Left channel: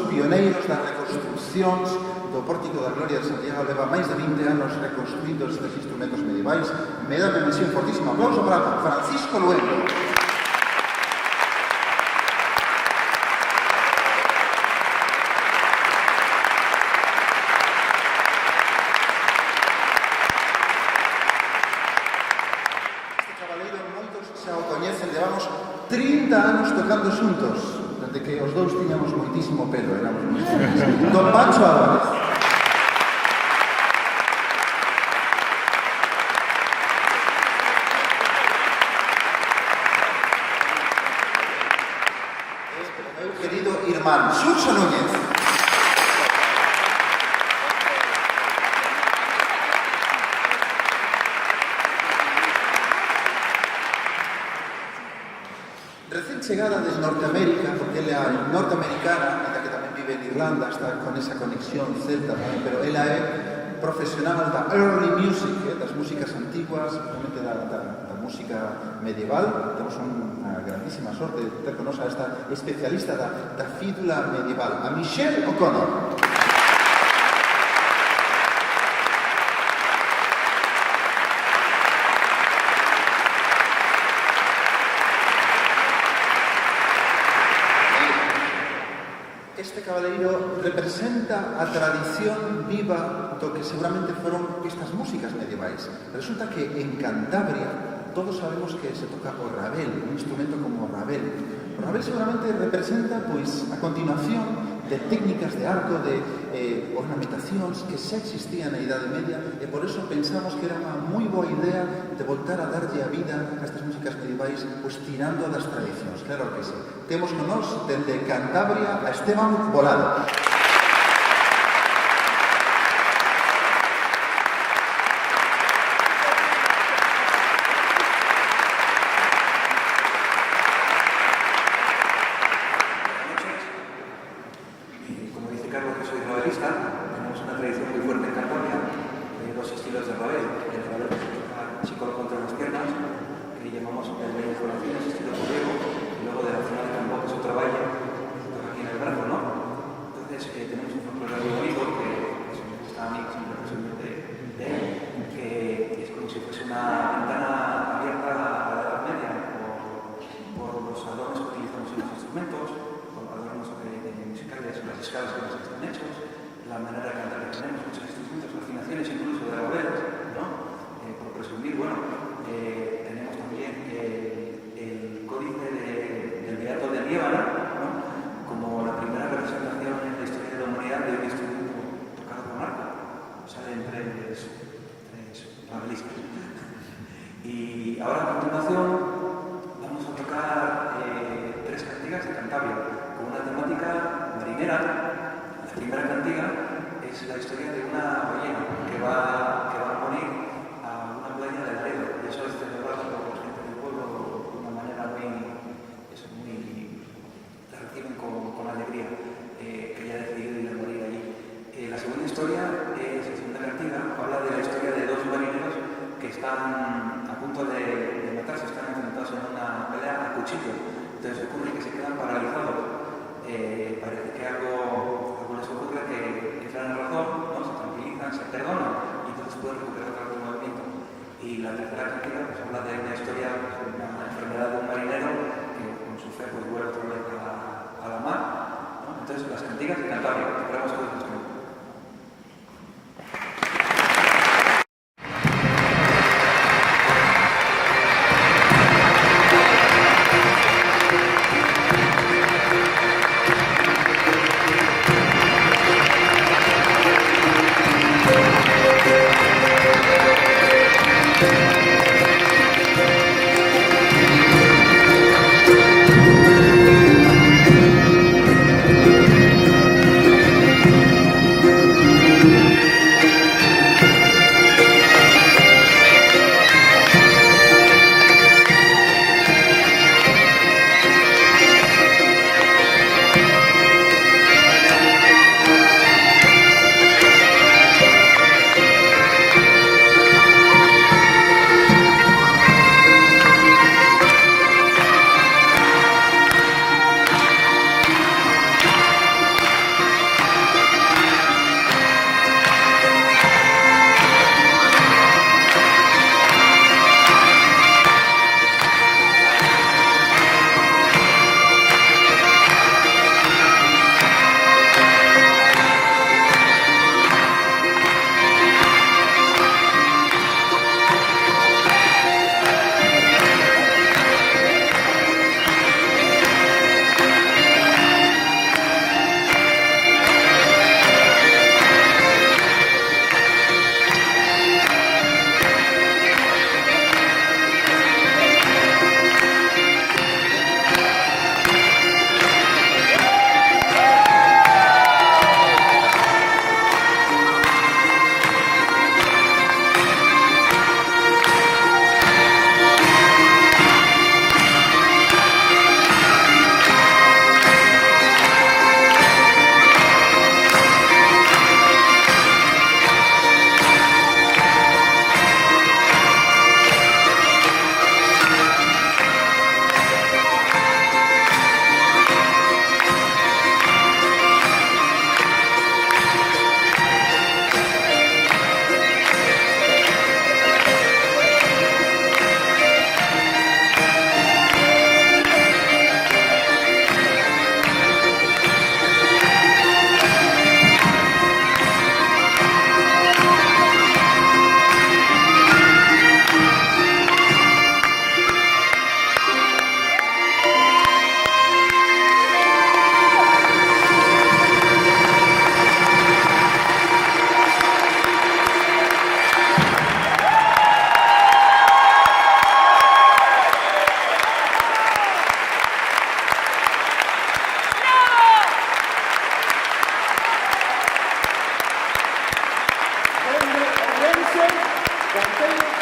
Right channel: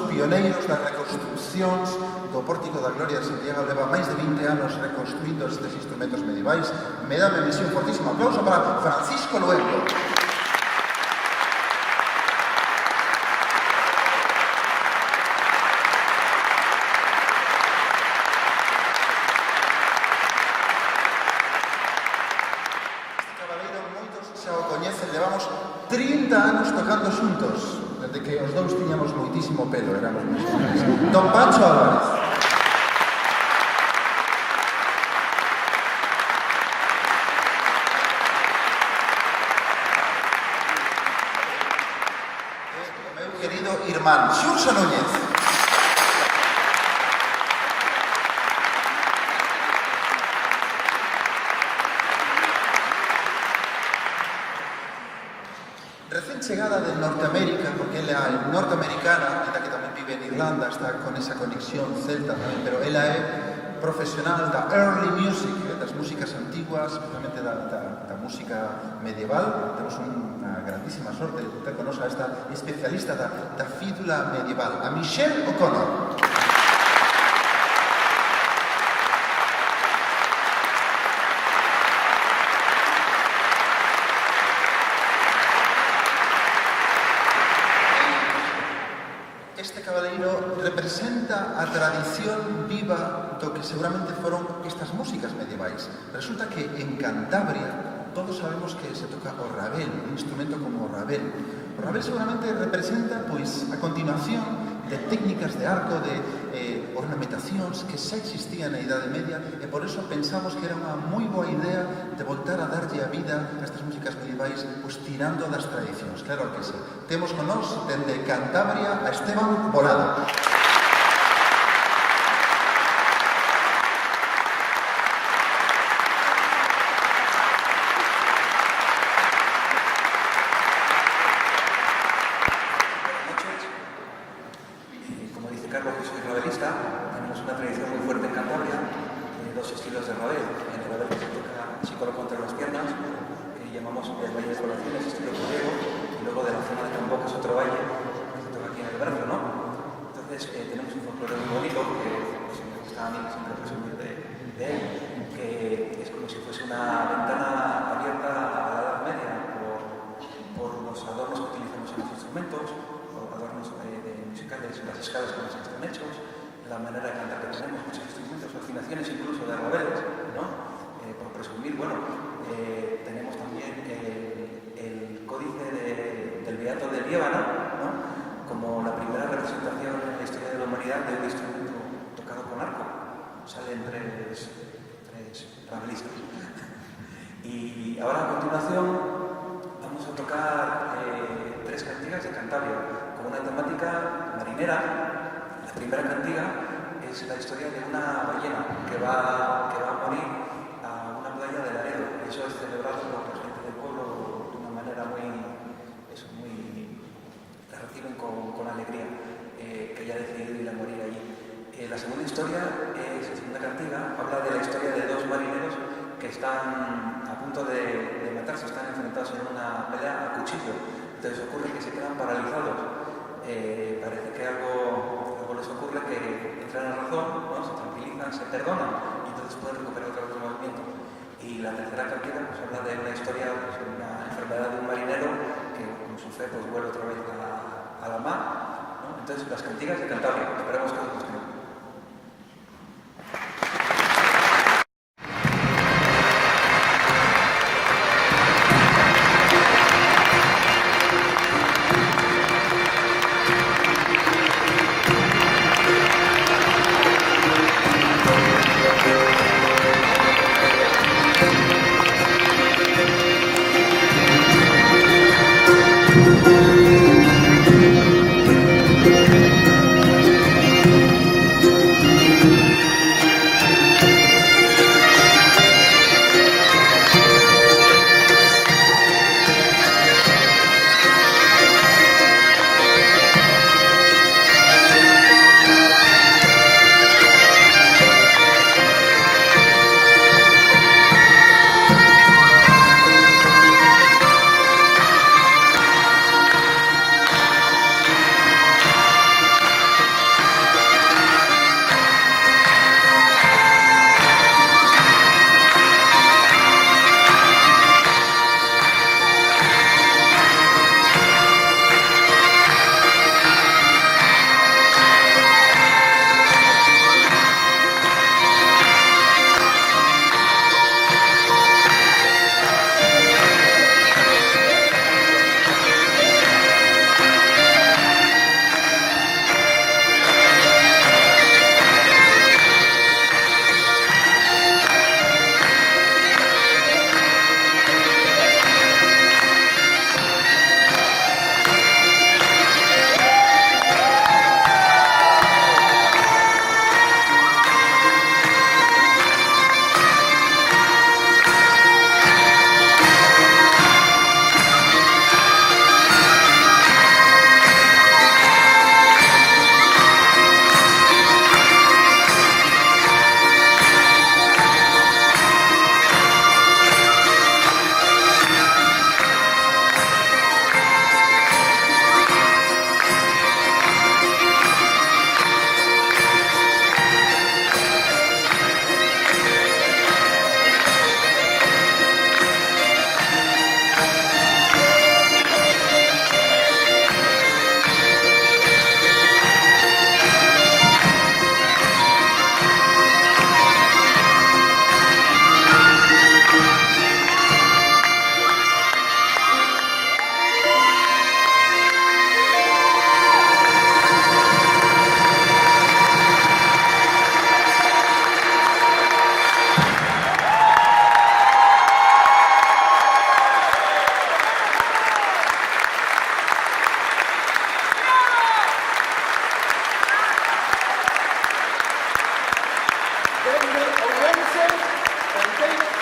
dos pioneiros das reconstruccións do Pórtico da Gloria de Santiago. Leva máis de 20 anos reconstruindo estes instrumentos medievais. Me dá unha misión fortísima. Aplauso para Francisco Luengo. Este cabaleiro moitos xa o coñecen, levamos 30 anos tocando xuntos, desde que os dous tiñamos moitísimo pelo, éramos moi jóvenes. Don Pancho Álvarez. Meu querido irmán, Xurxo Núñez. Recién chegada de Norteamérica, porque ela é norteamericana, ela que tamén vive en Irlanda, está con esa conexión celta tamén, pero ela é profesional da early music, das músicas antiguas, realmente da música medieval. Temos unha grandísima sorte de ter con nos a esta especialista da fídula medieval, a Michelle O'Connor. Este cabaleiro representa a tradición viva do que seguramente foron estas músicas medievais. Resulta que en Cantabria todos sabemos que se toca o rabel, un instrumento como o rabel. O rabel seguramente representa, pois, a continuación de técnicas de arco, de ornamentacións que xa existían na Idade Media, e por eso pensamos que era unha moi boa idea de voltar a darlle a vida a estas músicas medievais, pois tirando das tradicións. Claro que sí. Temos con nós, dende Cantabria, a Esteban Volado. La manera de cantar que tenemos, muchos instrumentos, afinaciones incluso de rabeles, ¿no? Por presumir, bueno, tenemos también el códice del Beato de Liébana, ¿no? Como la primera representación en la historia de la humanidad de un instrumento tocado con arco. Salen tres rabelistas. Y ahora a continuación vamos a tocar tres cantigas de Cantabria, con una temática marinera. La primera cantiga es la historia de una ballena que va a morir a una playa de Laredo. Eso es celebrado por la gente del pueblo de una manera muy la reciben con alegría, que ella ha decidido ir a morir allí. La segunda historia es la segunda cantiga, habla de la historia de dos marineros que están a punto de matarse, están enfrentados en una pelea a cuchillo. Entonces ocurre que se quedan paralizados. Parece que algo les ocurre, que entran en razón, ¿no? Se tranquilizan, se perdonan y entonces pueden recuperar otra vez el movimiento. Y la tercera cantiga pues, habla de una historia, pues, una enfermedad de un marinero que con su fe pues, vuelve otra vez a la mar, ¿no? Entonces las cantigas de Cantabria, esperamos que os gusten. Cantei